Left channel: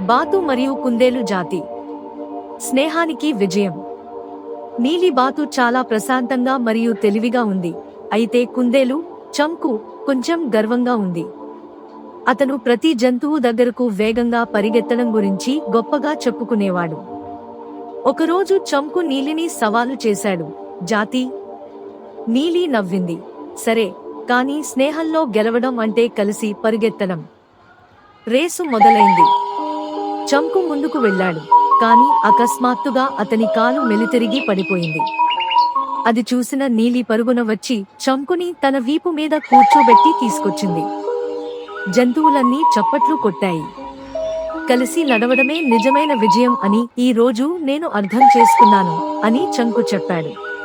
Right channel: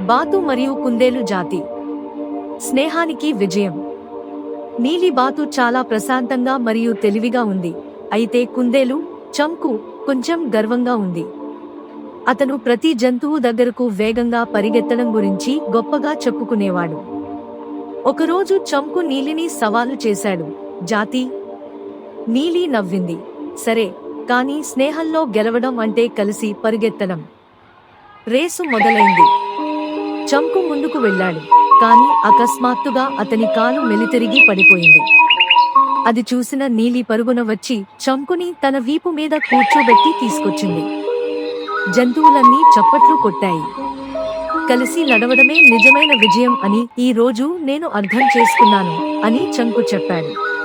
బాతు మరియు కుందేలు జాతి. స్నేహానికి విజయం. నీలి బాతు చాలా ప్రశాంతంగా మరియు తెలివిగా ఉంది. అయితే కుందేలు చంకు కొంచెం గర్వంగా ఉంది. అతను ప్రతి జంతువు దగ్గరకు వేగంగా పరిగెత్తడం గురించి గొప్పగా చెప్పుకునేవాడు. ఒకరోజు చంకు నీలిని సవాలు చేశాడు. జాతి నీలి నవ్వింది. సరే కానీ స్నేహంలో గెలవడం అంటే కలిసి పరిగెత్తడం. రేసు మొదలైంది. చంకు ముందుకు వెళ్ళాడు. కాని అకస్మాత్తుగా అతని కాలు మెలితిరిగి పడిపోయింది. అది చూసిన నీలి పరుగున వచ్చి చంకుని తన వీపు మీద కూర్చోబెట్టి తీసుకొచ్చింది. జంతువులన్నీ చప్పట్లు కొట్టాయి. కలిసి నడవడమే నిజమైన విజయం అని ఈ రోజు నేను అర్థం చేసుకున్నాను అని చంకు చెప్పాడు.